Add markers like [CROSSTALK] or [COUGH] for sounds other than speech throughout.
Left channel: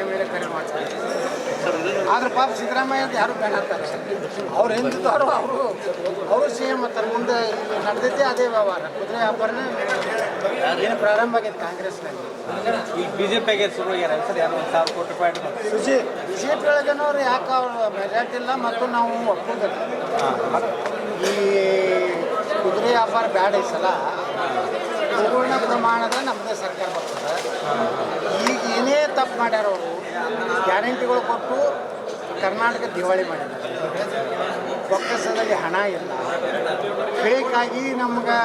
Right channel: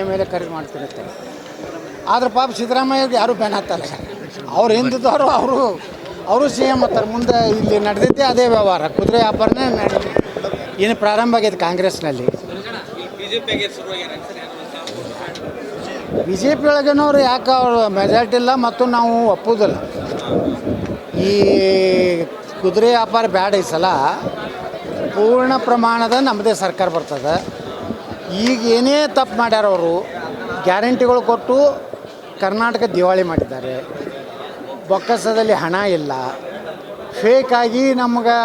L A ಖರೀದಿ ಆದ್ರೆ ಪಾಪ ಸಿದ್ದರಾಮಯ್ಯವ್ರಿಗೆ ಯಾರು ಬ್ಯಾನ್ ಆಗ್ತಾರೆ ಸರ್ ಅವ್ರು ಹಿಂದಿದ್ದವರು ಅವರು ಅವರು ಸಿ ಎಂ ಆಗ್ತಾರೆ ಮುಂದೆ ಇಲ್ಲಿ ನಡೆದೈತೆ ಅದೇ ವ್ಯವಹಾರ. ಕುದುರೆ ವ್ಯಾಪಾರನೇ ನಡೆದಿದೆ. ಇನ್ನು ಪ್ರಾರಂಭ ಆಗೈತೆ ಕಾಂಗ್ರೆಸ್ನಲ್ಲಿ. ಬಿ ಜೆ ಪಿ ಒಳಗೇನವ್ರು ಯಾಕೆ ಅವರು ಮೆಜಾರಿಟಿ ಇಲ್ಲ ಮತ್ತು ನಾವು ಒಪ್ಪುವುದಿಲ್ಲ ಈ ಕುದುರೆ ವ್ಯಾಪಾರ ಬ್ಯಾಡ ಈ ಸಲ. ಪೂರ್ಣ ಪ್ರಮಾಣದ ನಮ್ಮದೇ ಸರ್ಕಾರ ಬರ್ತದೆ. ಈಗ ಏನೇ ತಪ್ಪು ಮಾಡ್ಯಾರ ಅವರು ಗ್ಯಾರಂಟಿಗಳು ಕೊಟ್ಟು ಕರ್ನಾಟಕ ದಿವಾಳಿ ಮಾಡಿದ್ದಾರೆ. ಬೊಕ್ಕಸದಲ್ಲಿ ಹಣ ಇಲ್ಲ. ಫೇಕ್ ಆಗಿ ನಮ್ಗೆ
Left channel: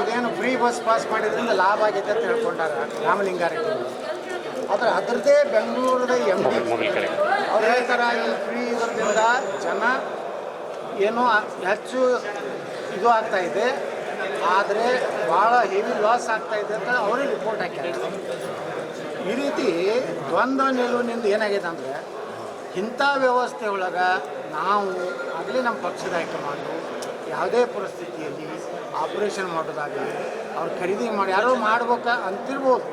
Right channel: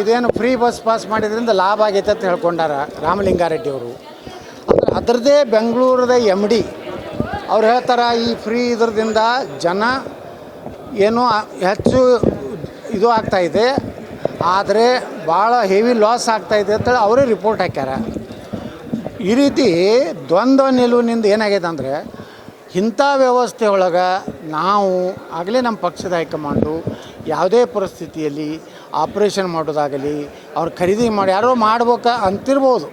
ಇದೇನು ಫ್ರೀ ಬಸ್ ಪಾಸ್ ಮಾಡಿದ್ರಿಂದ ಲಾಭ ಆಗೈತೆ ಅಂತ ಹೇಳ್ಕೊಂಡಾರ ರಾಮಲಿಂಗಾರೆಡ್ಡಿ ಅವರು. ಅದ್ರ ಅದರದ್ದೇ ಬೆಂಗಳೂರದ ಎಂ ಡಿ ಅವ್ರು ಹೇಳ್ತಾರೆ, ಈ ಫ್ರೀ ಇದ್ರದಿಂದ ಜನ ಏನೋ ಹೆಚ್ಚು ಇದು ಆಗ್ತಾ ಇದೆ, ಆದರೆ ಭಾಳ ಹೆವಿ ಲಾಸ್ ಆಗ್ತಾ ಇದೆ ಅಂತೇಳಿ ಅವರೇ ರಿಪೋರ್ಟ್ ಹಾಕ್ಯಾರ. ಈ ರೀತಿ ದ್ವಂದ್ವ ನಿಲುವಿನಿಂದ ಏನಾಗಿದೆ ಅಂದರೆ ಇಂಥ ವ್ಯವಸ್ಥೆ ಒಳಗೆ ನಾವು ಆಗಲೇ ನಮ್ಮ ಪಕ್ಷದ ಹೈಕಮಾಂಡು ಯಾವುದೇ ಪರಿಸ್ಥಿತಿಯಲ್ಲಿ ಆಪ್ರೇಷನ್ ಮಾಡೋದಾಗಲಿ, ಅವ್ರು ಖರೀದಿ ಮಾಡಿ ಯಾರೋ ಮಾಡ್ಬೇಕ ಅಂತಿರ್ಬೋದು.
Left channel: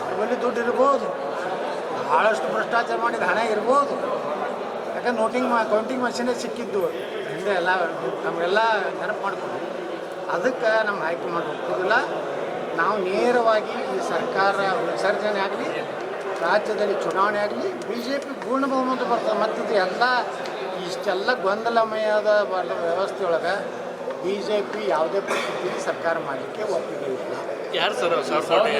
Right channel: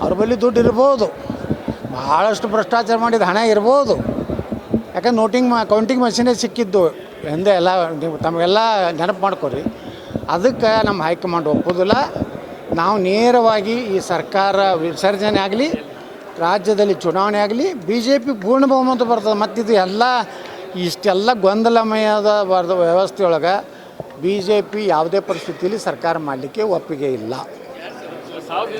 ಅವ್ರ ಬಳಿ ದುಡ್ಡು ಇರ್ಬೋದು. ಭಾಳಷ್ಟು ಭ್ರಷ್ಟಾಚಾರ ಮಾಡಿದ ಹಣ ಇರ್ಬೋದು. ಯಾಕಂದ್ರೆ ನೋಟಿಂಗ್ ಮಾ, ಕೌಂಟಿಂಗ್ ಮಷೀನೇ ಸಿಕ್ಕಿದ್ದು ಎಂದೇ ಎಲ್ಲ, ನೀವು ತಮಗೆಲ್ಲ ನೆನಪು ಮಾಡ್ಕೊರಿ. ಅದಕ್ಕೆ ನಮ್ಮ ಹೈಕಮಾಂಡ್ ಒಪ್ಪೋದಿಲ್ಲ. ನಾವು ನೇರವಾಗಿ ಈ ಸರ್ಕಾರ ವಿಸರ್ಜನೆ ಆಗಲಿ ರಾಜ್ಯದಲ್ಲಿ ಚುನಾವಣೆ ಆಗಲಿ ಬಿ ಜೆ ಪಿ ಪೂರ್ಣ ಬಹುಮತ ಬರ್ತದೆ ಮತ್ತಿದು ಎಲ್ಲ ಇಷ್ಟೆಲ್ಲ ಗೊಂದಲಮಯದ ಬರ್ದ ವ್ಯವಸ್ಥೆಯೊಳಗೆ ಬಿ ಜೆ ಪಿ ಯಾವುದೇ ಪರಿಸ್ಥಿತಿಯಲ್ಲಿ ಸರ್ಕಾರ ಮಾಡಲಿಕ್ಕೆ ಒಪ್ಪಿಗೆ ಇಲ್ಲ. ನಾ ಸರ್ ರೀ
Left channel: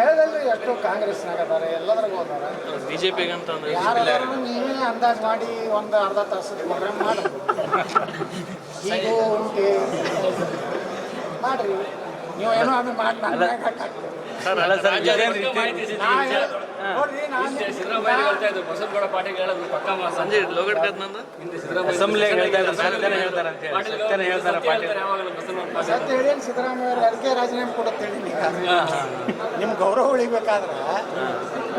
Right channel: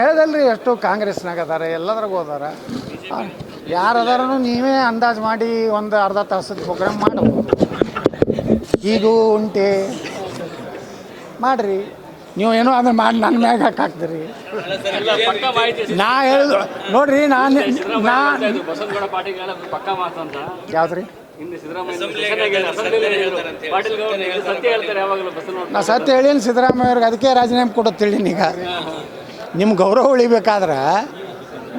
ಹೇಳ್ದಲ್ರಿ ಎಷ್ಟೋ ಕಾಂಗ್ರೆಸ್ನಾಗ ಅದಾರ ಎಲ್ಲದ್ರಾಗ ಹೋದಾರ ಯಾರು ಅದಾರನು ನೀವೇ ಅಂದಾಜು ಮಾಡಿ ಒಂದು ಅರ್ಧ ತಾಸು ಪ್ರೋಗ್ರಾಮ್ ಮಾಡು. [LAUGHS] ಈಗೂ ಉಂಟಿ. ಮಾಡ್ರಿ. ನೀವು ಏನೋ ಅದನ್ನ ಮಾಡಿ ನನ್ನ ಮ್ಯಾಗ ಹಾಕ್ತೀರಿ ನಾ ಹೇಳುದು, ನೋಡ್ರಿ, ನಾನು ನಾ ನಾ ಸತ್ಯ ಹೇಳೀನಿ ಸಿದ್ದರಾಮಯ್ಯ ಅವ್ರಿಗೆ, ಅದಕ್ಕೆ ರಾಜೀನಾಮೆ ಕೊಡೋದು ತಿಳಿನಿ ಈಗ ನಿಮ್ಮ ಗೌರವ ಉಳಿಬೇಕಾದ್ರೆ,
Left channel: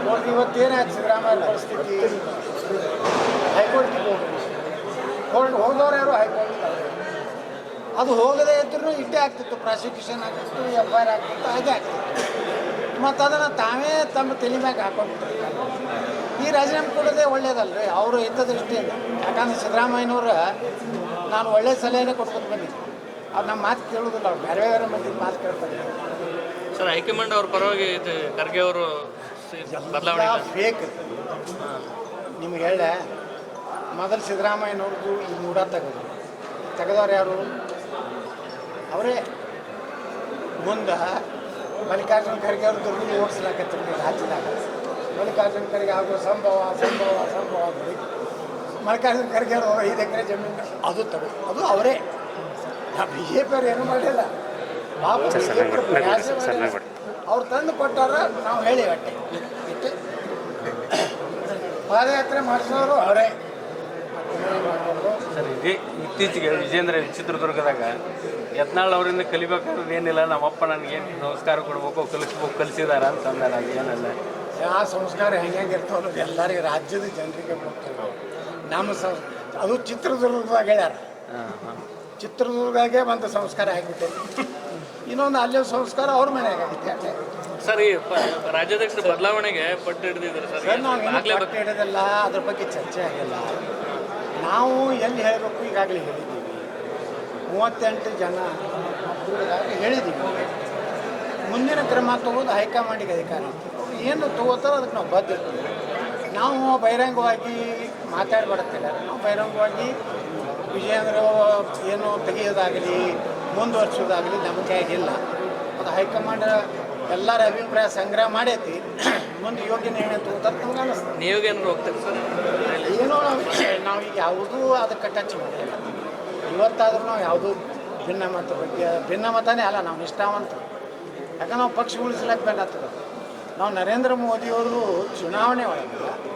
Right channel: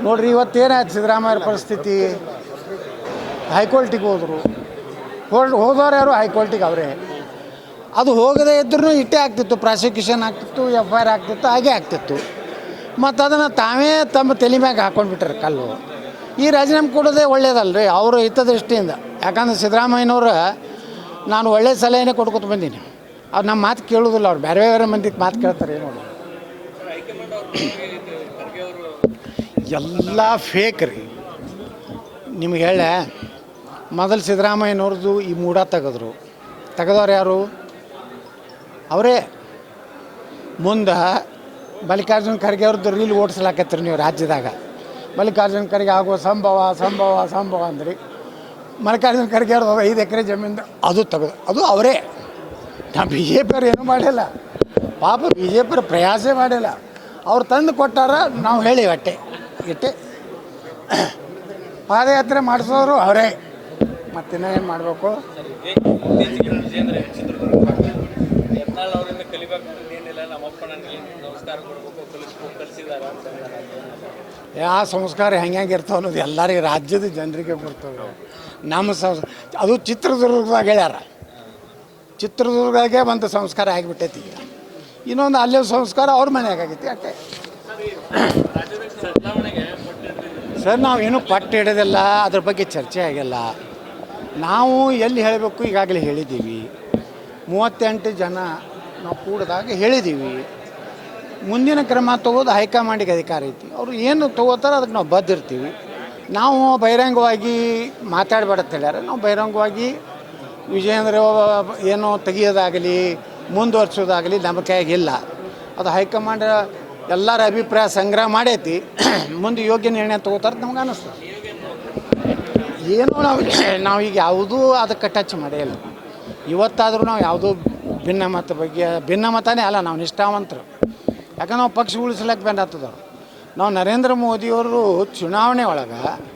ನೋಡ್ರಿ ಇವತ್ತೇನಾಯ್ತು ಸಿದ್ದರಾಮಯ್ಯ ಪರಿಸ್ಥಿತಿ? ಹೈಕೋರ್ಟಿಗೆ ಹೋದರು, ಹೋದವ್ರು ಯಾರು? ಹೈಕೋರ್ಟಿಗೆ ಅವರೇ. ಅದು ಹೋಗದೇ ಇದ್ರೂ ಇಟ್ಟೇ ಆಗ್ತಿತ್ತು ಪ್ರಾಸಿಕ್ಯೂಷನ್ ಆಗ್ತಿತ್ತು ಎಫ್ ಐ ಆರ್ ಆಗ್ತಿತ್ತು ಹಾಗೆ ಆಗ್ತಿತ್ತು. ಮತ್ತು ಅದನ್ನು ತಾವೇ ತಮ್ಮ ತಲೆ ಮ್ಯಾಗೆ ಹಾಕೊಂಡ್ಬಿಟ್ರೆ ಕಲ್ಲು. ಈ ರಾಜೀನಾಮೆ ಕೊಡೋದೇ ಒಳ್ಳೇದಲ್ರಿ ಅವರು ಹಿತದೃಷ್ಟಿಯಿಂದ ಯಾಕಂದ್ರೆ ಸಿದ್ದರಾಮಯ್ಯನವ್ರ ನಾನು ಒಳ್ಳೆ ಸಲಹೆನೇ ಕೊಟ್ಕೊತ ಬಂದೀನಿ. ಅವ್ರು ನಮ್ಮ ಮಾತು ಕೇಳೋದಿಲ್ಲ ಅವ್ರು ಬೇರೆ ಬೇರೆ ಮಂದಿಗೆ ಮಾತು ಕೇಳ್ತಾರೆ. ಎಲ್ಲ ಫೇಕ್ ರೀ. ನಿಮ್ಗೆ ಹೇಳ ಮೊದಲು ಸಿದ್ದರಾಮಯ್ಯನವ್ರದ್ದು ಈ ಮೂಡ ತೆಗೆದ್ರು. ತೆಗೆದವ್ರು ಯಾರು? ಅವರೇ, ಮುಂದೆ ಮಲ್ಲಿಕಾರ್ಜುನ ಖರ್ಗೆ ಅವ್ರದ್ದು ರೀಲ್ ಓಡಿಸ್ಲಾಕತ್ರಿ ನೀವು ರಾಜ್ಯದಾಗ. ಮಲ್ಲಿಕಾರ್ಜುನ ಖರ್ಗೆ ಆಗೋ ಸಂಭವ ಸಂಭವ ಸಂಭವ ಅಂದ್ರಿ. ಮಲ್ಲಿಕಾರ್ಜುನ ಖರ್ಗೆ ಅವ್ರದ್ದು ಐದು ಎಕರೆ ಜಮೀನು ಅದು ತಗೋ, ಅದು ಅವರೇ. ನಾ ಬಿ ಜೆ ಪಿಯವ್ರು ಏನೂ ಮಾಡಿಲ್ಲ. ಪಾಪ ಬಿ ಜೆ ಪಿಯವ್ರು ಪ್ರಯಾಸೇ ಮಾಡಿಲ್ಲ. ಅವ್ರು ತಂದು ಕೊಟ್ಟಾರ, ನಾವು ಹೇಳಿ ಅಟ್ಟೆ ಇಟ್ಟೆ. ಪಾದಯಾತ್ರೆ ಮಾಡಿಸೋರು ಅವರೇ. ಮತ್ತಿನ್ನೇನು ಮಾಡಬೇಕು? ಇತ್ತೀಚೆಗೆ ವಿಜೇಂದ್ರ ಚಿತ್ರದುರ್ಗದಾಗ ಯತ್ನಾಳ್ ಅವರಿಂದ ಕಲಿಬೇಕಾದ್ರೆ ಏನಿಲ್ಲ ನಮ್ಮಪ್ಪ ನನಗೇನು ಸಂಸ್ಕಾರ ಕೊಡ್ಬೇಕು ಕಲಿಸ್ಬೇಕು ಕಲಿಸಿದಾರ ಅಂತ ಅಂದಾರ ಏನಿಲ್ಲ. ಯಾವ ಸಂಸ್ಕಾರ ಹೆಂಗೆ ಹೆಂಗೆ ಇರ್ತಾವ ಅನ್ನೋದು ಎಲ್ಲರಿಗೆ ರಾಜ್ಯದ ಜನರಿಗೆ ಬರ್ತವೆ ನಮ್ಮ ಸಂಸ್ ಅದು ಚಿತ್ರದುರ್ಗದಾಗ ಹೇಳ್ಯಾರ. ಚಿತ್ರದುರ್ಗದಾಗೆ ಒಂದು ಸಂಸ್ಕಾರ ಆಗಿಬಿಟ್ಟೈತಿ. ಇನ್ನೊಂದು ಅಲ್ಲೇ ಸಂಸ್ಕಾರ ಅವ್ರ ಮನ್ಯಾಗ ಆಗೈತಿ ಯಾಕೆ? ಸರ್ ಬದಲಾವಣೆಗೆ ಸರ್? ನಾವು ಇನ್ನೂ ಪಟ್ಟು ಹಿಡಿದಿಲ್ಲ ಅದ್ರ ಬಗ್ಗೆ ಚರ್ಚೆ ಆಗಿಲ್ಲ. ನಾವು ಎಲ್ಲಿ ಹೇಳಬೇಕು ಈಗಾಗಲೇ ಹೇಳಿದ್ದೀವಿ. ಮೂವತ್ತೆಂಟು ಜನ ನಾವು ಕೂಡಿದಾಗ ಹೇಳಿದ್ದೀವಿ ಮುಂದಿನ ಕ್ರಮ ತಗೋದು ಹೈಕಮಾಂಡಿಗೆ ಅಧಿಕಾರ ಐತಿ ಅವರು ಏನು ತಗೋತಾರೋ ಅದಕ್ಕೆ ನಾವು ಬದ್ದಿರ್ತೀವಿ. ನಾವು ಬಹಿರಂಗವಾಗಿ ಮಾತಾಡಬೇಡ ನಾವು ಬಹಿರಂಗವಾಗಿ ವಿಜಯೇಂದ್ರ ಏನು ತೆಗಿಯೋದಾಗಲಿ ಮುಂದುವರ್ಸೋದಾಗಲಿ ನಮ್ಮ ಕೈಯಾಗಿಲ್ಲ ಅದು ಹೈಕಮಾಂಡ್ ಎಲ್ಲರ ಅಭಿಪ್ರಾಯ ಸಂಗ್ರಹ ಮಾಡೈತಿ. ಮುಂದೆ ಯೋಗ್ಯ ನಿರ್ಣಯ ತಗೋತಾರೆ ನಮ್ಗೆ ಅನಿಸ್ತದೆ. ಏನೋ ನಾವು ಈಗ ಯಾವುದೂ ಅದಕ್ಕೆ ಟಚ್ ಮಾಡಿಲ್ಲ ಇವತ್ತಾದರೂ ನಾವು ಯಾವುದೂ ಭಿನ್ನಮತ ಬಗ್ಗೆ ಭಿನ್ನಮತನೇ ಅಲ್ಲ, ನಾವು ನಿಷ್ಠಾವಂತರು. ಯಾಕಂದ್ರೆ ನಾವು ಪಕ್ಷ ಉಳಿಸ್ಲಕ್ಕೆ ಬೇಡ ನಾವು ನರೇಂದ್ರ ಮೋದಿಯವರು ಚುನಾವಣೆ ಒಳಗೆ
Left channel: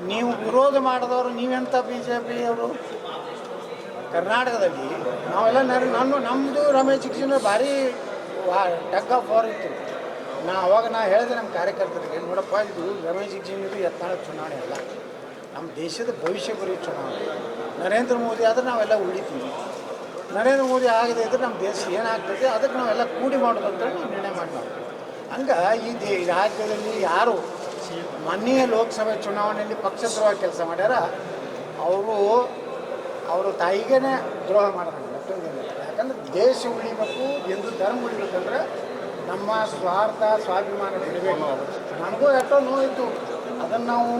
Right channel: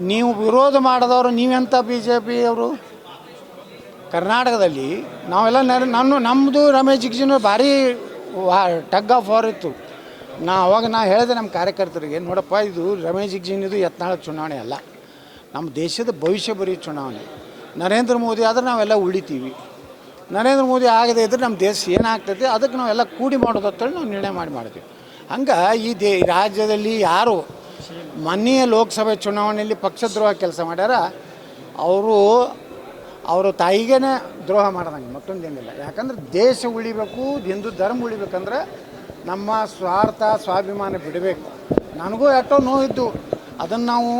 ನೀವು ವಿರೋಧ ಮಾಡಿದವರು ನೀವೆಂಥ ಬಿ ಜೆ ಪಿಯವರು ಕರ್ನಾಟಕದಲ್ಲಿ ನಾವೆಲ್ಲ ನರ, ನಾನು ನಮ್ಮದು ರಮೇಶ್ ಜಿಗ್ಜಿನ ಭಾರಿ ವಾ, ಟಗ್ ಆಫ್ ವಾರ್ ಇತ್ತು. ನಾ ಅವಾಗ ನಾ ಹೇಳಿದೆ ನಮ್ಮ ಕಾರ್ಯಕರ್ತರಿಗೆ, ನೋಡಪ್ಪ, ಇದು ರಮೇಶ್ ಜಿಗ್ಜಿನಿದು ಯತ್ನಾಳ ಚುನಾವಣೆ ಅಲ್ಲ. ನಮ್ಮ ದೇಶದ ಭವಿಷ್ಯ ಬರೀ ಚುನಾವಣೆ. ನರೇಂದ್ರ ಮೋದಿ ಆದ್ರೆ ನಾವೆಲ್ಲ ಉಳಿತೀವಿ. ನರೇಂದ್ರ ಮೋದಿ ಆಗದೆ ಇದ್ರೆ ನಮ್ಮ ದೇಶ ಏನಾಗ್ತೈತೆ ಅದಕ್ಕೆ ನಾವೆಲ್ಲ ಕೂಡಿ ಮಾಡೋದು ಅಂತೇಳಿ ನಾವು ನಿರ್ಣಯ ಮಾಡಿ ಮಾಡ್ತೀವಿ. ಹಂಗೆ ಈ ದೇ ರಾಜ್ಯದಲ್ಲಿ ಯಾರು ಮೊನ್ನೆಯ ಲೋಕಸಭೆ ಚುನಾವಣೆಯಲ್ಲಿ ಪಕ್ಷದ್ರೋಹ ಕೆಲಸ ಮಾಡ್ಯಾರ? ಅವರು, ಅವರ ತಾಯಿಗೇ ದ್ರೋಹ ಮಾಡ್ದಂಗೆ ಮತ್ತೊಂದೇನಿಲ್ಲ ಯಾಕಂದ್ರೆ ದೇಶ ಉಳಿಬೇಕು, ಹಿಂದೂ ಧರ್ಮ ಉಳಿಬೇಕಂದ್ರೆ ನಮ್ಮ ಸ್ವಾರ್ಥ, ಸ್ವಾಭಿಮಾನ ಬಿಡಬೇಕು. ನಮಗೂ ಎಷ್ಟೋ ನೋವಿದ್ದು. ಅದನ್ನು ನಾವು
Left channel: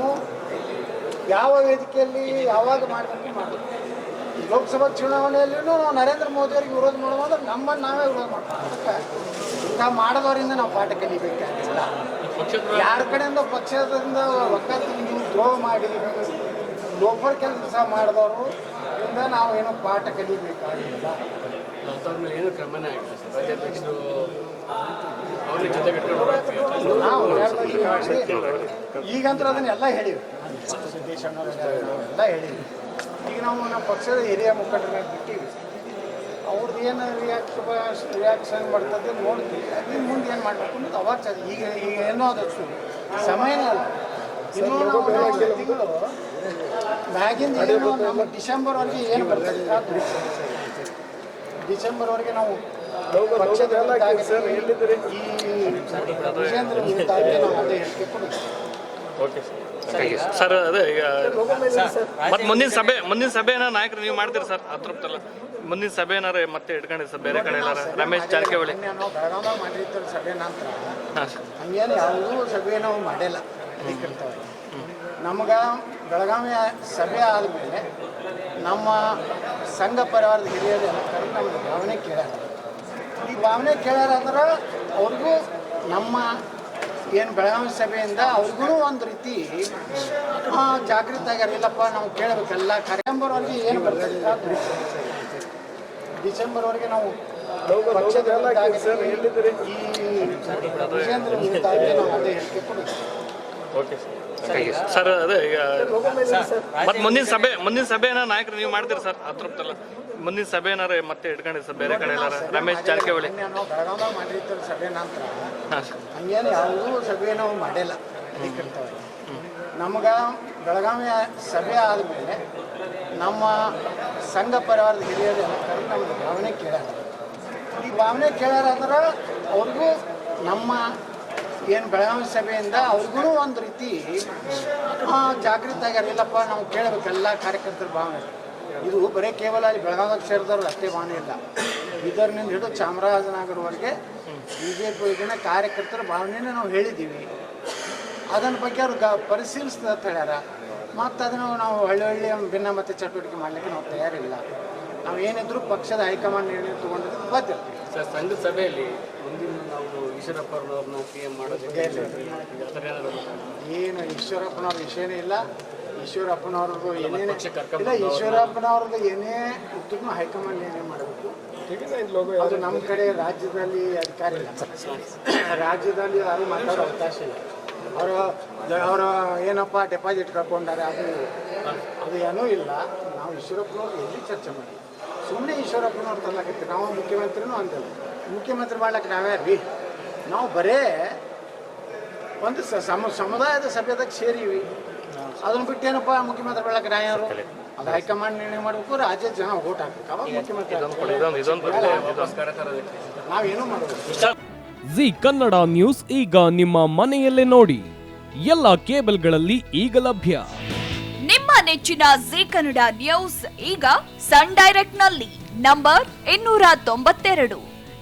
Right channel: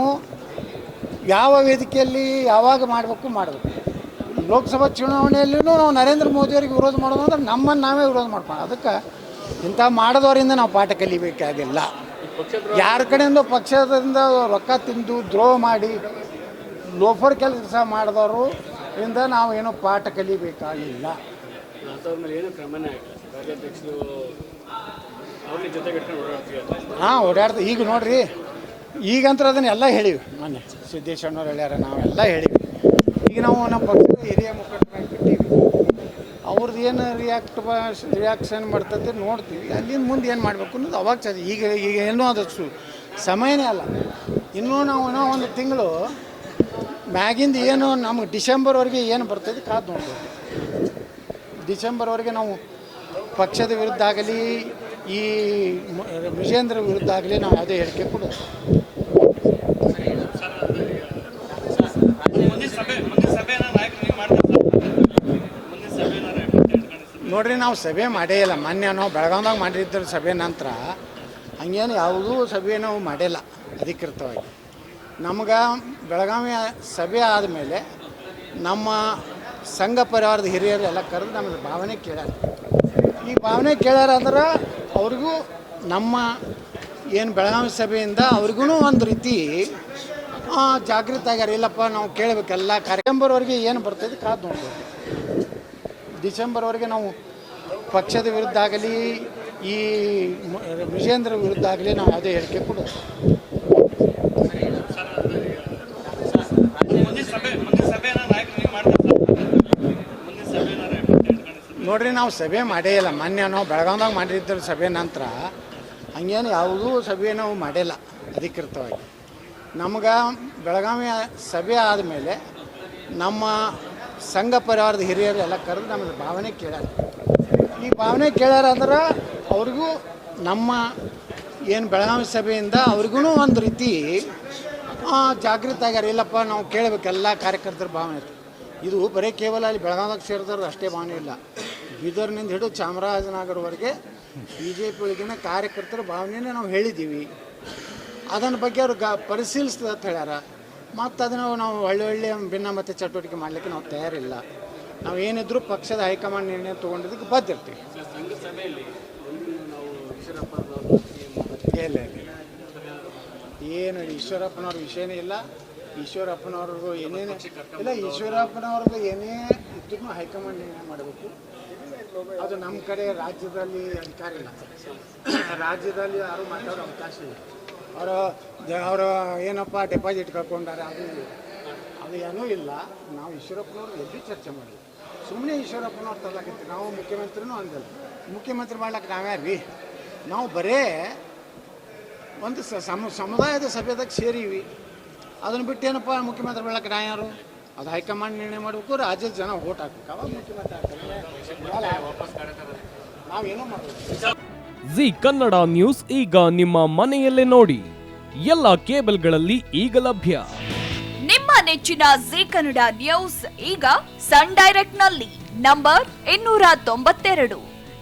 ಯಾವ ವೇದಿಕೆಯಲ್ಲಿ ಯಾವಾಗ ಮಾಡಬೇಕು ಮಾಡಬೇಕು. ಲೋಕಸಭಾ ಚುನಾವಣೆಯಲ್ಲೂ ನಾವು ನರೇಂದ್ರ ಮೋದಿಯವರಿಗೆ ವಿರೋಧ ಮಾಡೋದು ಅಂದ್ರೆ ನಮ್ಮನ್ನು ನಾವೇ ವಿರೋಧ ಮಾಡ್ತೀವಿ ಅದಕ್ಕೆ ಇಂಥ ಮಾಡೋದವರಿಂದ ನಾವು ಪಾಠ ಕಲಿಬೇಕಾಗಿಲ್ಲ. ಯಾರ ಕಡೆಯಿಂದ ಪಕ್ಷದಿಂದ ರೊಕ್ಕ ತಿಂದು ದ್ರೋಹ ಮಾಡಿ ಲೋಫರ್ ಕೆಲಸ ಮಾಡಿದವರು ಇಂದ ನಾವು ಏನು ಪಾಠ ಕಲಿಬೇಕಾಗಿಲ್ಲ. ಅಂಥವ್ರ ಮೇಲೆ ಏನು ಕ್ರಮನೇ ಆಗಿಲ್ಲ ಸರ್ ರಾಜ್ಯಾಧ್ಯಕ್ಷರು ಅವ್ರ ಜೊತೆ ಕಟ್ಕೊಂಡು ಓಡಾಡ್ತೀವಿ. ಹಾಂ ಓಡಾಡ್ತೀವಿ. ಈಗ ನೋಡ್ರಿ ಈಗಂತ್ರ ಅದನ್ನೆಲ್ಲ ಹೇಳಿವಿ. ನಾನು ಹೇಳ್ಯಾರ ನಾವೆಲ್ಲ ಹೇಳಿವಿ. ಈಗ ನಾವು ನಮ್ಮ ಪಕ್ಷದ ಏರಿಯಾ ಮುಖಂಡರ ಬಿಟ್ಟಿವಿ. ಅವ್ರದ್ದು ಏನು ರಿಯಾಕ್ಟ್ ರಿಯಾಕ್ಷನ್ ಮಾಡ್ತದೆ ನೋಡ್ತೀವಿ. ಅಲ್ಲಿಂದ ಮುಂದೆ ಏನು ಮಾಡಬೇಕು ಅನ್ನೋದು ಅವಾಗ ಚೆನ್ನಾಗಿ ಈಗ ಈಗ ಏನೋ ಅದು ಸಮಯನೇ ಅಲ್ಲ. ಇನ್ನೂ ನಾವು ಒಂದು ತಿಂಗಳು ಮ್ಯಾಗಿಂದ ಏನು ನಮ್ಮ ಡಿಸೆಂಬರ್ವರೆಗೆ ಏನು ಬರ್ತದೆ. ಡಿಸೆಂಬರ್ವರೆಗೆ ನಾವು ಪಕ್ಷದ ವಿರುದ್ಧ ಆಗಲಿ ಈ ವಿಜೇಂದ್ರ ವಿರುದ್ಧ ಆಗಲಿ ನಾವು ಅದೇ ಹೇಳಿಕೆ ಕೊಡೋದು. ಸರ್ ಅದೇ ಮತ್ತೆ ಮುಂದಿನ ಸಭೆ ಮುಂದಿನ ಸಭೆನ ನಾಯಕರು ನೀವು ಮಾಡ್ತೀರಿ ಸರ್ ಮುಂದಿನ ಸಭೆ ಮತ್ತೆ ಇಟ್ಕೊಂಡಿ ಸಭೆ ನೋಡ್ರಿ ನಾವು ಸಭೆ ಮಾಡೇ ಇಲ್ಲ ಮೊನ್ನೆ ನಾವು ಬೆಳಗಾವ್ನಾಗ ಮಾಡಿದ್ದರು ಸಭೆ ನಂತರ ಹಂಗೇನು ಯಾವುದೂ ಸಭೆ ನಾವು ಮಾಡಿಲ್ಲ ಅಧಿಕೃತವಾಗಿ. ನಮ್ಗೆ ಬೆಳಗಾವಿ ಸಭೆ ಆದಮೇಲೆ ನಮ್ಮ ಸಂಘ ಪರಿವಾರದ ಹಿರಿಯರೆಲ್ಲ ಕರೆದು ನಮ್ಗೆ ಭಾವನೆ ಕೇಳ್ಯಾರ. ಈ ಭಾವನೆ ಕೇಳ್ಯಾರ ಅಂದ್ರೆ ಅವ್ರಿಗೂ ನಮ್ಮ ಏನು ಬೆಳಗಾವಿ ಸಭೆಯಿಂದ ಅವ್ರಿಗೂ ಒಂದು ರೀತಿ ಜಾಗೃತಿ ಆಗ್ಯಾರ. ಇಲ್ಲಪ್ಪ, ನಾವು ಕೇಳಬೇಕಲ್ಲ ಡಿಸೆಂಬರ್ವರೆಗೆ ಏನು ಬರ್ತದೆ. ಡಿಸೆಂಬರ್ವರೆಗೆ ನಾವು ಪಕ್ಷದ ವಿರುದ್ಧ ಆಗಲಿ, ಈ ವಿಜೇಂದ್ರ ವಿರುದ್ಧ ಆಗಲಿ ನಾವು ಅದೇ ಹೇಳಿಕೆ ಕೊಡೋದು ಸರ್ ಅದೇ ಈಗ ಮತ್ತೆ ಮುಂದಿನ ಸಭೆ ಮುಂದಿನ ಸಭೆನ ನಾಯಕರು ನೀವು ಮಾಡ್ತೀರಿ ಸರ್? ಅದ್ರ ಸಭೆ ಮುಂದಿನ ಸಭೆನಾರ ಮತ್ತೆ ಇಟ್ಕೊಂಡಿ ಬೇರೆ ನೋಡ್ರಿ ನಾವು ಸಭೆ ಮಾಡೇ ಇಲ್ಲ. ಮೊನ್ನೆ ನಾವು ಮಾಡಿದ್ದ ಸಭೆ ನಂತರ ಹಂಗೇನು ಯಾವುದೂ ಸಭೆ ನಾವು ಮಾಡಿಲ್ಲ ಅಧಿಕೃತವಾಗಿ. ನಮ್ಗೆ ಬೆಳಗಾವಿ ಸಭೆ ಆದಮೇಲೆ ನಮ್ಮ ಸಂಘ ಪರಿವಾರದ ಹಿರಿಯರೆಲ್ಲ ಕರೆದು ನಮ್ಗೆ ಭಾವನೆ ಕೇಳ್ಯಾರ ಈ ಭಾವನೆ ಕೇಳ್ಯಾರ ಅಂದ್ರೆ ಅವ್ರಿಗೂ ನಮ್ಮ ಏನು ಬೆಳಗಾವಿ ಸಭೆಯಿಂದ ಅವ್ರಿಗೂ ಒಂದು ರೀತಿ ಜಾಗೃತಿ ಆಗ್ಯಾರ. ಇಲ್ಲಪ್ಪ, ನಾವು ಕೇಳಬೇಕೆಲ್ಲ ಕಾರ್ಯಕರ್ತರ ಭಾವನೆ. ಇದು ಬರೀ ಕೇವಲ ಅಲ್ಲಿ ಬೆಳಗಾವಿ ಸೇರಿದವ್ರು ಅಷ್ಟೇ ಭಾವನೆ ಇಲ್ಲ. ಇದರಿಂದ ಹಿಡಿದು ಚಾಮರಾಜನಗರವರೆಗೆ ಬಿ ಜೆ ಪಿ ಕಾರ್ಯಕರ್ತರ ಭಾವನೆನೇ ನಾವು ಹೇಳಿದ್ದೀವಿ ಅದನ್ನ ಬಗ್ಗೆ ಅವ್ರು ಗ ಪರಿಶೀಲಿಸ್ತದೆ ಅಂತ ಹೇಳ್ಯಾರ. ಮತ್ತು ಅದನ್ನು ನಾವು ಹಳ್ಳಿ ಹಳ್ಳಿ ಭಿನ್ನ ಮತ್ತೆ ಚಟುವಟಿಕೆ ಮಾಡಲಿಕ್ಕೆ ನಾವು ತಯಾರಿಲ್ಲ. ನಾವು ಏನಿದ್ರು ಪಕ್ಷದ ಹೈಕಮಾಂಡ್ ನಿರ್ಣಯ ತೊಗೊಂಡಿದ್ದಕ್ಕೆ ಬದ್ದಿರ್ತೀವಿ ಸಂಘದ ಸಭೆಯಲ್ಲಿ ಮುಂದಿನ ನಾವು ಈಶ್ವರಪ್ಪ ಪಿ ಎಂ ಮಾಡೋದಕ್ಕೆ ಇಲ್ಲ. ಆ ಥರ ಏನಾದ್ರು ಏನು ಈಶ್ವರಪ್ಪನವ್ರ ವಿಷಯನೇ ಇಲ್ಲ. ಈಶ್ವರಪ್ಪನವ್ರದ್ದು ಏನೇನು ಇಲ್ಲ ಈಶ್ವರಪ್ಪನವ್ರದ್ದು ಏನೇ ಇದ್ದೂ ಹೈಕಮಾಂಡ್ ಏನೇ ಮಾಡಬೇಕು. ಅದು ನಮ್ಮ ಕಡೆ ರಾಜ್ಯದಲ್ಲಿ ಅಧಿಕಾರ ಇಲ್ಲ. ರಾಜ್ಯದಲ್ಲಿ ಯಾರು ಮಾತಾಡೋ ಅವಕಾಶ ಇಲ್ಲ. ಅವರು ಅವರ ಏನಪ್ಪ ಡೆಪಾಸಿಟ್ ಕಳ್ಕೊಂಡಾರೆ ಅದು ಅದು ಏನೂ ಇಲ್ಲ. ನಾವು ಈಶ್ವರಪ್ಪನವ್ರು ಎಲ್ಲಿ ಚರ್ಚೆ ಮಾಡಿ ಸುಮ್ಮನೆ ಈಶ್ವರಪ್ಪನವ್ರು ತರ್ಲಾಕತ್ತೀವಿ ನಾವು ಮುಖ್ಯಮಂತ್ರಿನೂ ಅಂದಿಲ್ಲ ಮುಖ್ಯಮಂತ್ರಿ ಮಾಡ್ಲಿಕ್ಕೆ ನಾವ್ಯಾರೀ ನಾವು ಬರೇ ಒಂದು ಸ- ಸಮ ಸಮುದಾಯದ ಸಭೆದಾಗ ಸೇರೀವಿ. ಅದನ್ನು ಬಿಟ್ಟು ಏನಪ್ಪ ಮುಖ್ಯಮಂತ್ರಿ ಬೆಳಕ ಯಾರು ಅದು ಹೈಕಮಾಂಡ್ ನಿರ್ಣಯ ಮಾಡಬೇಕು ರಾಜ್ಯದ ಜನ ಓಟ್ ಹಾಕ್ಬೇಕು. ಅವಾಗ ಮುಖ್ಯಮಂತ್ರಿ ನಾವೇನು ಮಾಡೋದು? ಜಿ ಕನ್ನಡ ನ್ಯೂಸ್ ಈಗ ನಿಮ್ಮ ಮನೆಯಲ್ಲೇ ನೋಡಿ. ಎಲ್ಲ ಕೇಬಲ್ಗಳಲ್ಲಿ ಈಗ ಲಭ್ಯ. ನಿಮ್ಮ ನೆಚ್ಚಿನ ಜಿ ಕನ್ನಡ ನ್ಯೂಸ್ ಈಗ ಸನ್ ಡೈರೆಕ್ಟ್ನಲ್ಲಿ ನಂಬರ್ ಇನ್ನೂರ ತೊಂಬತ್ತೆರಡು.